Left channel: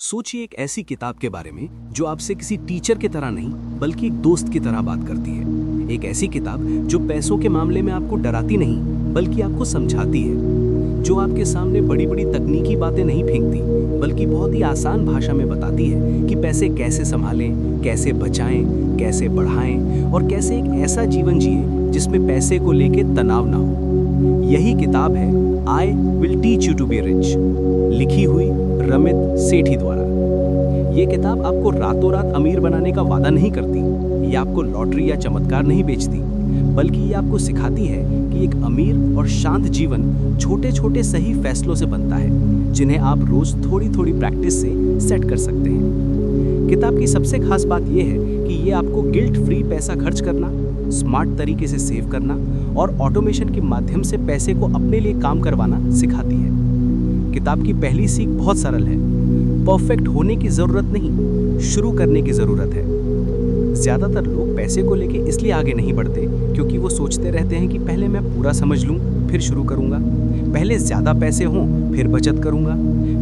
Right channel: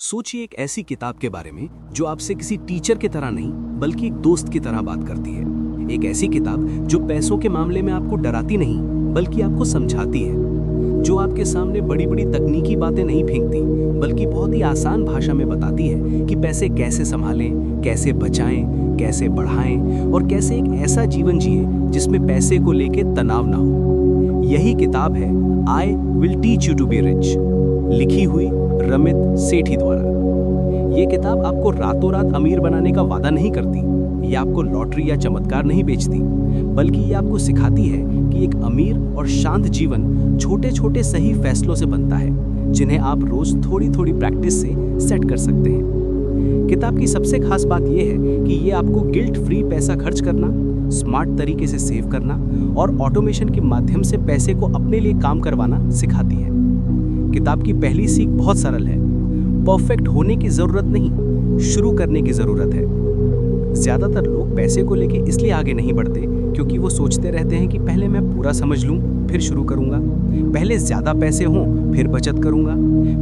सोचिए एक ऐसी किताब के बारे में जो आपसे किसी टीचर की तरह नहीं बल्कि एक दोस्त की तरह बात करती है। एक ऐसी किताब जो पैसों के मामले में आपको डराती नहीं बल्कि आपको समझाती है, जो आपके सामने बड़ी बड़ी तकनीकी बातें नहीं फेंकती बल्कि बहुत ही आसान भाषा में बताती है कि पैसे कैसे संभालें, कैसे बचाएं, कैसे बढ़ाएं और कैसे एक ऐसा जीवन जिए जिसमें पैसे को लेके तनाव ना हो। यही किताब है I will teach you to be rich, लिखी हुई रमित सेठी द्वारा। ये किताब आपको रातों रात अमीर बनाने का वादा नहीं करती, ये आपको लॉटरी या चमत्कार नहीं बेचती, बल्कि ये आपको सिखाती है कि एक अमीर और शांत जीवन छोटे छोटे सही फैसलों से बनता है, जिन्हें आप रोज थोड़ी थोड़ी प्रैक्टिस से सेट कर सकते हैं। किताब की सबसे खास बात यह है कि ये आपको गिल्ट फ्री पैसा खर्च करना, स्मार्ट तरीके से सेव करना और ऑटोमेशन के माध्यम से पैसे को अपने लिए काम करवाना सिखाती है। किताब की पहली सीख बहुत सरल है, परफेक्ट होने की जरूरत नहीं, शुरू करने की जरूरत है। ज्यादातर लोग पैसे को लेके इसलिए आगे नहीं बढ़ते क्योंकि वो सोचते रहते हैं कि पहले मैं पूरा समझ लूं फिर शुरू करूंगा, पहले ज्यादा पैसे हों फिर बचत करूंगा,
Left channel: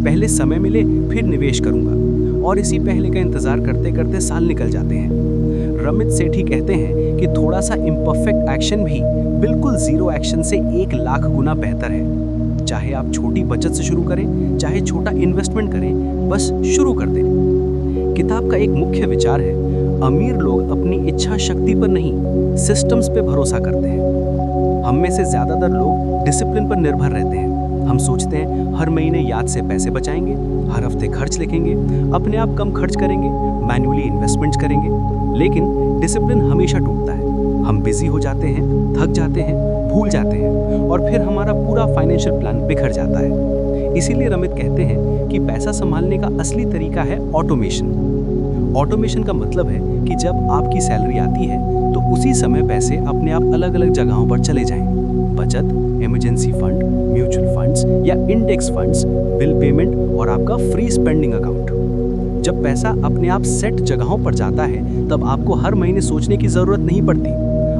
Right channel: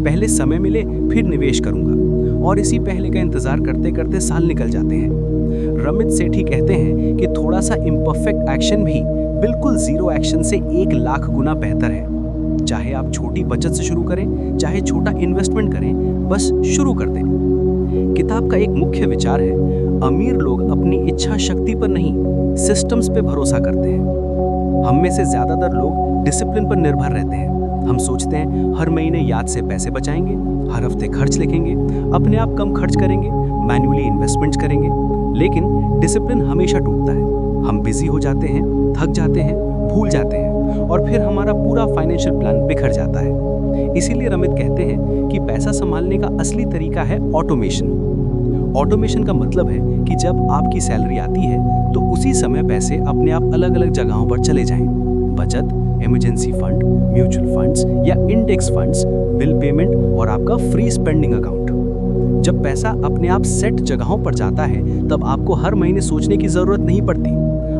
पहले समय मिले फिर निवेश करूंगा, और इसी पहले का इंतजार करते करते साल निकल जाते हैं। रमित सेठी कहते हैं कि थोड़ा सा इम्परफेक्ट एक्शन भी बिल्कुल जीरो एक्शन से 1 लाख गुना बेहतर है। चाहे आप छोटी बचत से शुरू करें, चाहे छोटा इन्वेस्टमेंट करें, बस शुरू कर दें। किताब का एक मुख्य विचार है, अमीर लोग अपनी इच्छा शक्ति पर नहीं, सिस्टम्स पे भरोसा करते हैं। हम में से ज्यादातर लोग डिसिप्लिन पर निर्भर रहते हैं। हम सोचते हैं हर महीने याद से पैसे बचाएंगे, हर हफ्ते खर्च लिखेंगे, अपने आप कम खर्च करेंगे, मैन्युअली इन्वेस्टमेंट्स करेंगे, लेकिन डिसिप्लिन हमेशा टूटता है। हम बिजी हो जाते हैं, थक जाते हैं, भूल जाते हैं और फिर हमारा पूरा फाइनेंशियल प्लान बिखर जाता है। इसीलिए रमित कहते हैं कि पैसा संभालने का असली तरीका है ऑटोमेशन। ऑटोमेशन का मतलब है कि जब आपकी सैलरी आती है तो उसी समय पैसे अपने आप अलग अलग जगहों पर चले जाएं। बचत, इमरजेंसी फंड, म्यूचुअल फंड्स या इंडेक्स फंड्स, बिल पेमेंट और आपका फ्री स्पेंडिंग अकाउंट। जब पैसा अपने आप सेट जगहों पर जाता है तब आपको हर महीने सोचने की जरूरत नहीं पड़ती।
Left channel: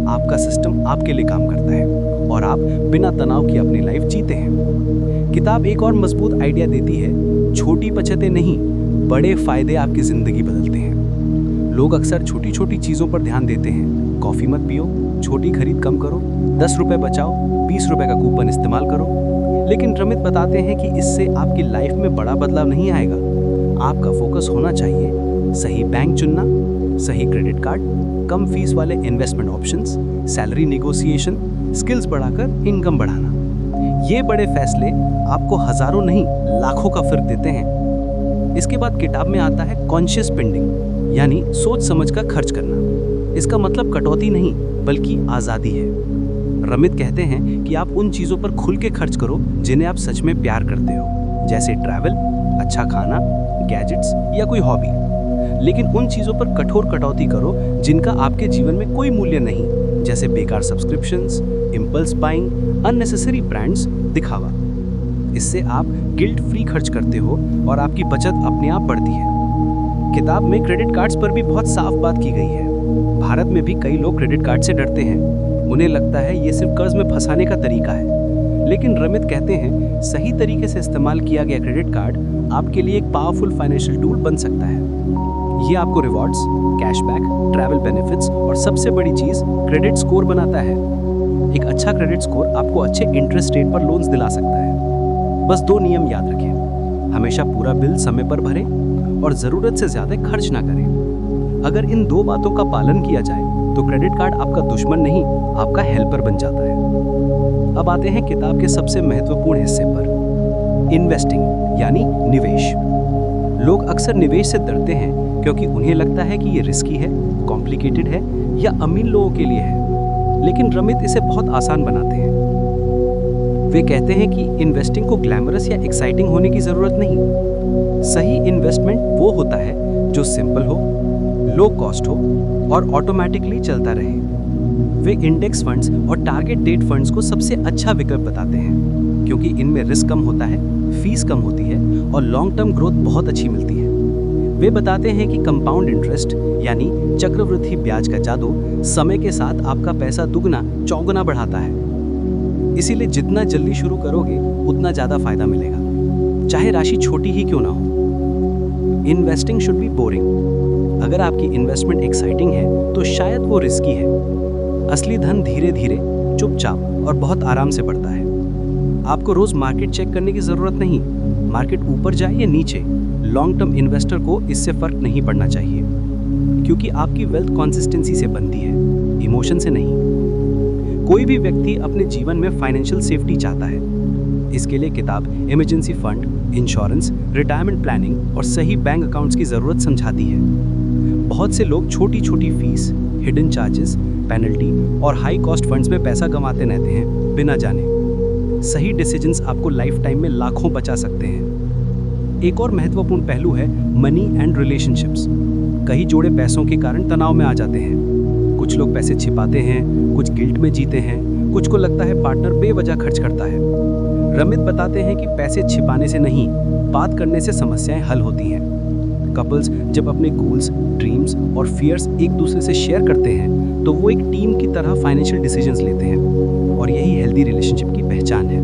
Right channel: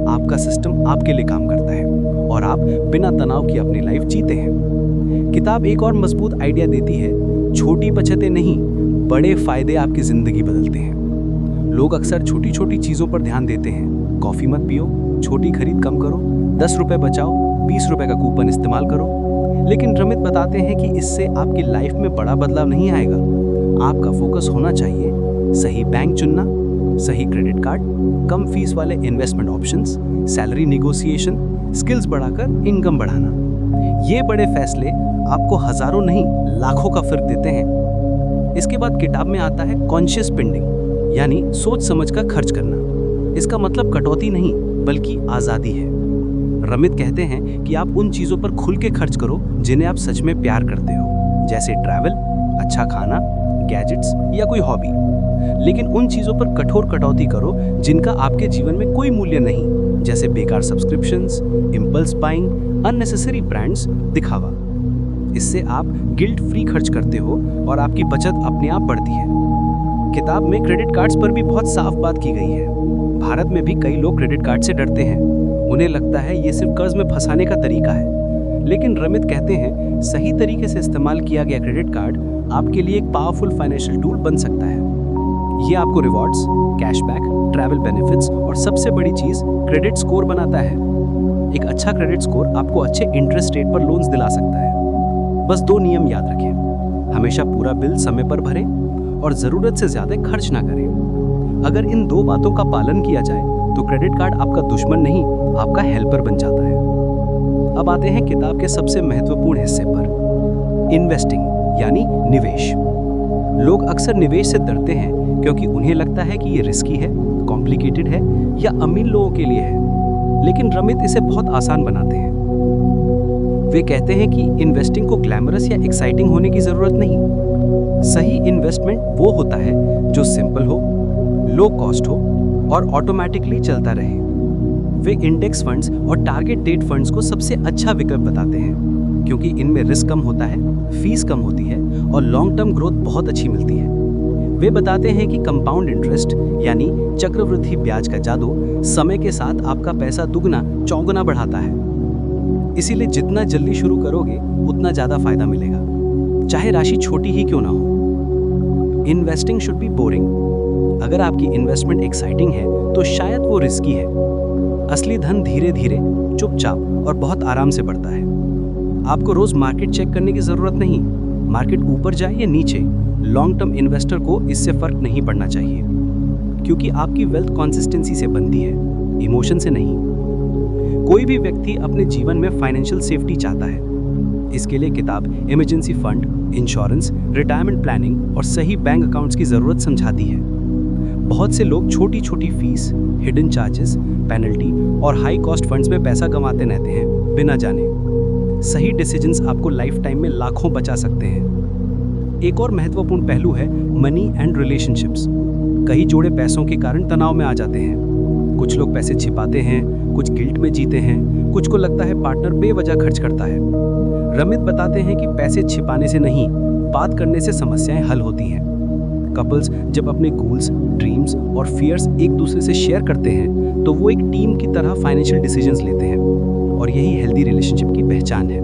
आपका सिस्टम आपके लिए काम करता है और आप बिना तनाव की अपनी लाइफ जीते हैं। किताब एक और मजबूत आइडिया देती है, छोटी बचतें नहीं, बड़े फायदे आपकी जिंदगी बदलते हैं। लोग अक्सर छोटी छोटी चीजों पर ध्यान देते हैं, कॉफी मत पियो, छोटी खरीद कम करो, 10 रुपए बचाओ, 20 रुपए का कूपन इस्तेमाल करो। लेकिन रमित बताते हैं कि इससे आपकी लाइफ में बड़ा बदलाव नहीं आएगा। आपका फोकस होना चाहिए सही बैंक चुनना, सही क्रेडिट कार्ड, कम फीस वाले investment options, salary negotiation, skills बढ़ाकर इनकम बढ़ाना। ये बड़े फैसले आपको हजारों नहीं लाखों का फर्क देते हैं। इसके बाद किताब में आता है कॉन्शियस स्पेंडिंग, यानी सोच समझ कर खर्च करना। इसका मतलब कटौती नहीं बल्कि आजादी है। रमित कहते हैं कि आप उन चीजों पर खुल के खर्च करो जिन्हें आप सच में प्यार करते हो, जैसे ट्रैवल, अच्छा खाना, गैजेट्स या कोई हॉबी। लेकिन उन चीजों पर कठोर कटौती करो जिनका आपके जीवन में कोई मूल्य नहीं, जैसे बेकार subscriptions, impulse buying, unnecessary brands, दिखावा। इससे आप गिल्ट फ्री खर्च करते हो और आपकी बचत अपने आप बढ़ती है। किताब में क्रेडिट कार्ड्स पर भी बहुत साफ बात की गई है। भारत में भी कई लोग क्रेडिट कार्ड से डरते हैं, उन्हें लगता है ये सिर्फ कर्ज में फंसाने का तरीका है। लेकिन रमित कहते हैं सही तरीके से इस्तेमाल किया गया क्रेडिट कार्ड आपके लिए एक पावरफुल फाइनेंशियल टूल बन सकता है। ये आपको रिवॉर्ड्स, कैशबैक, ट्रैवल बेनिफिट्स और सबसे बड़ी चीज क्रेडिट स्कोर बनाता है। एक अच्छा क्रेडिट स्कोर आपको अच्छे इंटरेस्ट रेट पर लोन्स दिला सकता है। बस 2 नियम याद रखें, हमेशा पूरा बिल समय पर भरें और जरूरत से ज्यादा खर्च ना करें। अगर इन 2 बातों का पालन किया जाए तो क्रेडिट कार्ड आपका दुश्मन नहीं, आपका हेल्पर बन जाता है। अब आते हैं किताब के सबसे महत्वपूर्ण हिस्से पर, इन्वेस्टिंग यानी निवेश। लोग अक्सर निवेश से डरते हैं क्योंकि उन्हें लगता है कि ये रिस्की है, कॉम्प्लिकेटेड है या अमीर लोगों के लिए है। लेकिन रमित इसे बहुत आसान बनाते हैं। वे कहते हैं कि इन्वेस्टिंग को ग्लैमरस या एक्साइटिंग होने की जरूरत नहीं। सही इन्वेस्टमेंट वो होता है जो सिंपल हो, लो कॉस्ट हो और ऑटोमेटिकली चलता रहे। वे इंडेक्स फंड्स और टारगेट डेट फंड्स को सबसे अच्छा विकल्प बताते हैं क्योंकि इनमें रिस्क कम होता है, फीस कम होती है और लॉन्ग टर्म ग्रोथ बहुत अच्छी मिलती है। वे बताते हैं कि कंपाउंड इंटरेस्ट यानी चक्रवृद्धि ब्याज का जादू समय के साथ आपका पैसा दुगना चौगुना बढ़ाता है। इसीलिए जितना जल्दी शुरू करोगे उतना ज्यादा फायदा मिलेगा, चाहे राशि छोटी ही क्यों ना हो। Investing should be boring. अगर आपकी इन्वेस्टमेंट एक्साइटिंग है तो शायद वो रिस्की है। असली धन धीरे धीरे, चुपचाप और बहुत आराम से बढ़ता है। आपको रोज मार्केट चेक करने की जरूरत नहीं। मार्केट ऊपर जाए या नीचे, लॉन्ग टर्म इन्वेस्टर को इससे फर्क नहीं पड़ना चाहिए, क्योंकि आपकी वेल्थ कंसिस्टेंसी से बनती है, इमोशन से नहीं। कोई भी व्यक्ति अपने जीवन में फाइनेंशियल सेफ्टी चाहता है। इसके लिए किताब emergency fund, insurance, retirement planning और सही बैंक अकाउंट्स की जरूरत समझाती है। बहुत से लोग छोटी छोटी फीस, हिडन चार्जेस, पेनल्टी और हाई कॉस्ट फंड्स में पैसा गंवाते रहते हैं बिना जाने। सही डिसीजंस आपको लाइफ टाइम में लाखों बचा सकते हैं। एक और महत्वपूर्ण पहलू है मनी एंड रिलेशनशिप्स। कई जोड़े पैसों के कारण तनाव में आ जाते हैं। कुछ लोग पैसे छिपाते हैं, कुछ गिल्ट में जीते हैं, कुछ को लगता है पार्टनर बेवजह खर्च करता है। रमित बताते हैं कि पैसे छिपाने से नहीं, बात करने से समस्याएं हल होती हैं। कपल्स जब अपने गोल्स, ड्रीम्स और फियर्स एक दूसरे से शेयर करते हैं तो वो एक टीम की तरह फाइनेंशियल डिसीजंस लेते हैं, और यही हेल्दी रिलेशनशिप की पहचान है।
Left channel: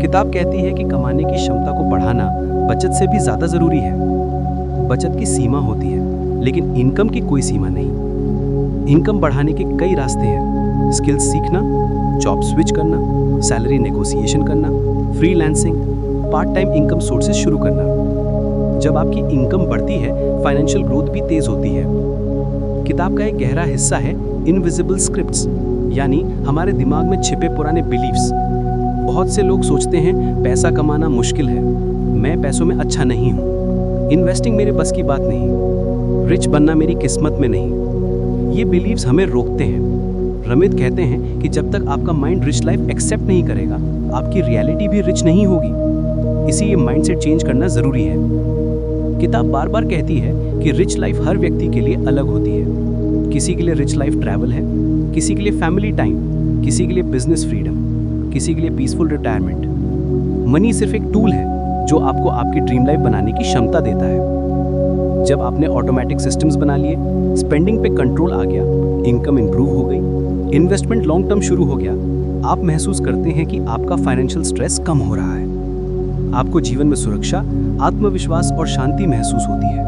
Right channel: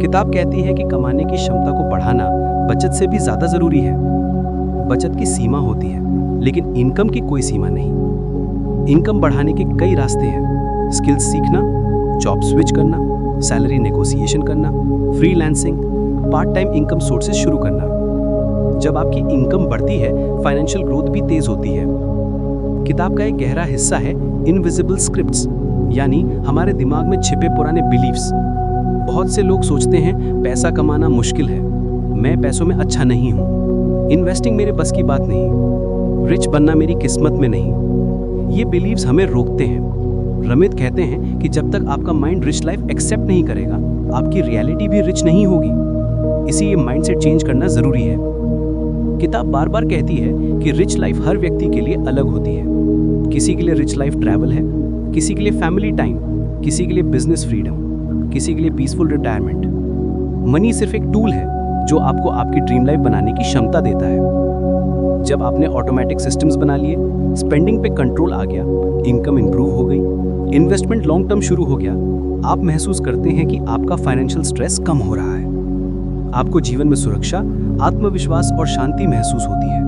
किताब कहती है कि कमाने की क्षमता को बढ़ाना बचत से भी ज्यादा जरूरी है। बचत की सीमा होती है, लेकिन इनकम की कोई सीमा नहीं। इनकम बढ़ाने के कई रास्ते हैं। स्किल्स सीखना, जॉब स्विच करना, सैलरी नेगोशिएशन करना, freelancing, part time income sources शुरू करना। जब आपकी इनकम बढ़ती है, फाइनेंशियल ग्रोथ भी तेज होती है। किताब का एक गहरा हिस्सा है इनविजिबल स्क्रिप्ट्स, यानी हमारे दिमाग में छिपे पुराने बिलीव्स। बहुत से लोग सोचते हैं पैसा कमाना मुश्किल है, मैं पैसों में अच्छा नहीं हूँ, इन्वेस्टिंग मेरे बस की बात नहीं, रिच बनना मेरी किस्मत में नहीं। ये बिलीव्स हमें रोकते हैं। रमित कहते हैं कि जब तक आपका माइंड रिच लाइफ एक्सेप्ट नहीं करेगा, आपकी रियलिटी भी रिच नहीं होगी। इसी ये माइंडसेट चेंज करना जरूरी है। किताब बार बार कहती है कि रिच लाइफ हर व्यक्ति के लिए अलग होती है। किसी के लिए रिच लाइफ ट्रैवल है, किसी के लिए फैमिली टाइम, किसी के लिए बिजनेस फ्रीडम, किसी के लिए पीसफुल रिटायरमेंट। मनी सिर्फ एक टूल है जो आपको आपकी ड्रीम लाइफ बनाने की क्षमता देता है। जब आपने ऑटोमेटिक सिस्टम्स बना लिए, स्पेंडिंग पे कंट्रोल आ गया, इनकम इंप्रूव हो गई, इन्वेस्टमेंट लॉन्ग टर्म शुरू हो गया, आप महसूस करते हैं कि आपका फाइनेंशियल स्ट्रेस कम हो रहा है। आपको जीवन में सुरक्षा, आत्मविश्वास और शांति महसूस होती है।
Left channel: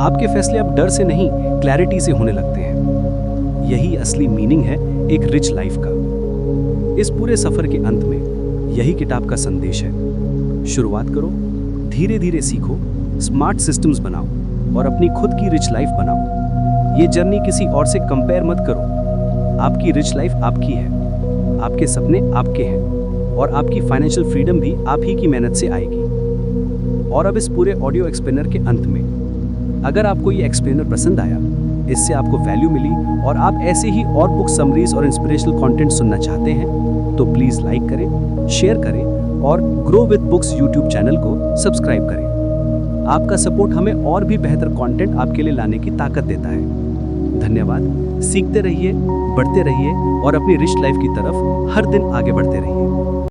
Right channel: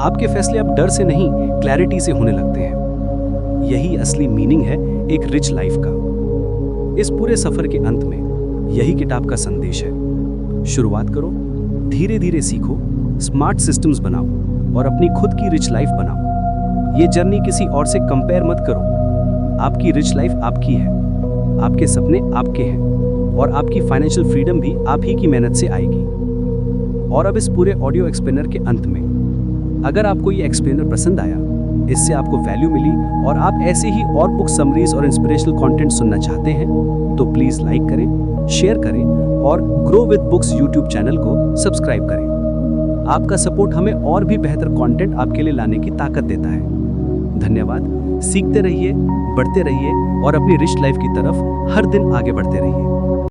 आपके फैसले अब डर से नहीं, क्लैरिटी से होने लगते हैं। यही असली मीनिंग है एक रिच लाइफ का। इस पूरे सफर के अंत में यही किताब का संदेश है। शुरुआत करो, धीरे धीरे सीखो, स्मार्ट सिस्टम्स बनाओ और अपनी खुद की रिच लाइफ बनाओ। ये जर्नी किसी और से कंपेयर मत करो। आपकी रिच लाइफ आपकी है, आपके सपने आपके हैं और आपकी फाइनेंशियल फ्रीडम भी आप ही की मेहनत से आएगी। और अब इस पूरे ऑडियो एक्सप्लेनर के अंत में, अगर आपको ये एक्सप्लेनर पसंद आया, इससे आपको वैल्यू मिली और आप ऐसे ही और बुक समरीज और इंस्पिरेशनल कंटेंट सुनना चाहते हैं, तो प्लीज लाइक करें, शेयर करें और grow with books YouTube channel को सब्सक्राइब करें। आपका सपोर्ट हमें और भी बेहतर कंटेंट आपके लिए लाने की ताकत देता है। धन्यवाद। सीखते रहिए, बढ़ते रहिए और अपनी रिच लाइफ की तरफ हर दिन आगे बढ़ते रहिए।